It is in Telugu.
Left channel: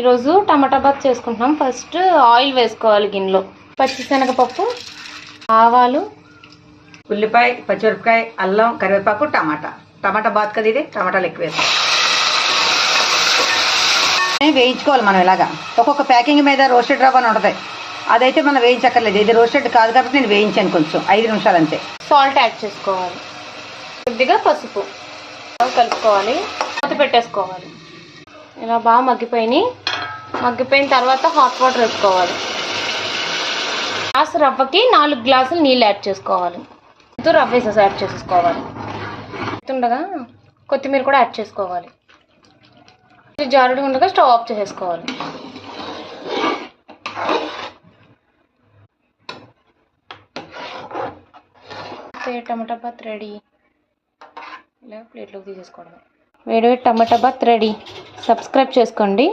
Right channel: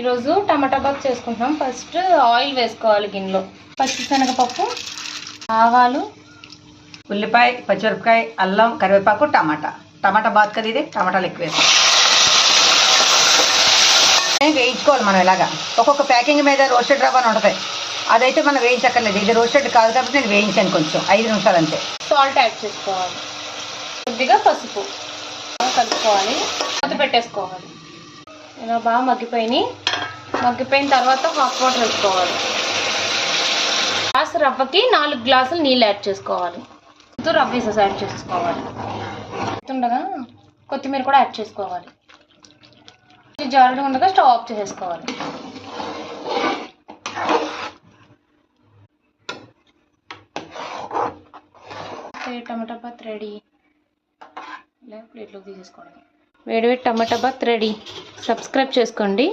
ఈరోజు టమాటా బాత్ చేసుకుంటున్నాం. ఫస్ట్ ఆయిల్ వేసుకోవాలి గిన్నెలో. పచ్చిశనగపప్పు, ఆవాలు, ఉల్లిపాయ, పచ్చిమిరపకాయ, అల్లం, కరివేపాకు, టమాటా బాత్ కదా ఇది. టమాటాలు ఎక్కువ వేస్తాం. వేయించుకోవాలి మనం ఇలాగా. ఒక్కొక్క ప్యాకింగ్ మీద రోస్టెడ్ రవ్వ అని ఉంటుంది. అదైతే మనం వేయించక్కర్లేదు. ఇది రోస్టెడ్ కాదు కాబట్టి నేను వేయించాను కొంచెం 5 నిమిషాలు అంతే. సాల్ట్ యాడ్ చేసుకోవాలి, కొద్దిగా పసుపు కలుపుకోవాలి, మూత పెట్టేసుకోవాలి. ఇలా బాగా మగ్గిపోయిన తర్వాత హాట్ వాటర్ వేసుకోవాలి. గ్లాసు రవ్వకి 4 గ్లాసులు నీళ్ళు యాడ్ చేసుకోవాలి. రవ్వ వేసేసి యాడ్ చేసుకోవాలి. ఉండగా కొత్తిమీర కూడా యాడ్ చేసుకోవాలి. జారుడు ఉండగా స్టవ్ ఆఫ్ చేసేసుకోవాలి. టమాటా బాత్ రెడీ. ఇలా ప్లేట్లోకి తీసేసుకోవడం. వేడివేడి టమాటా బాత్ రెడీ. సబ్స్క్రైబ్ చేసుకోండి.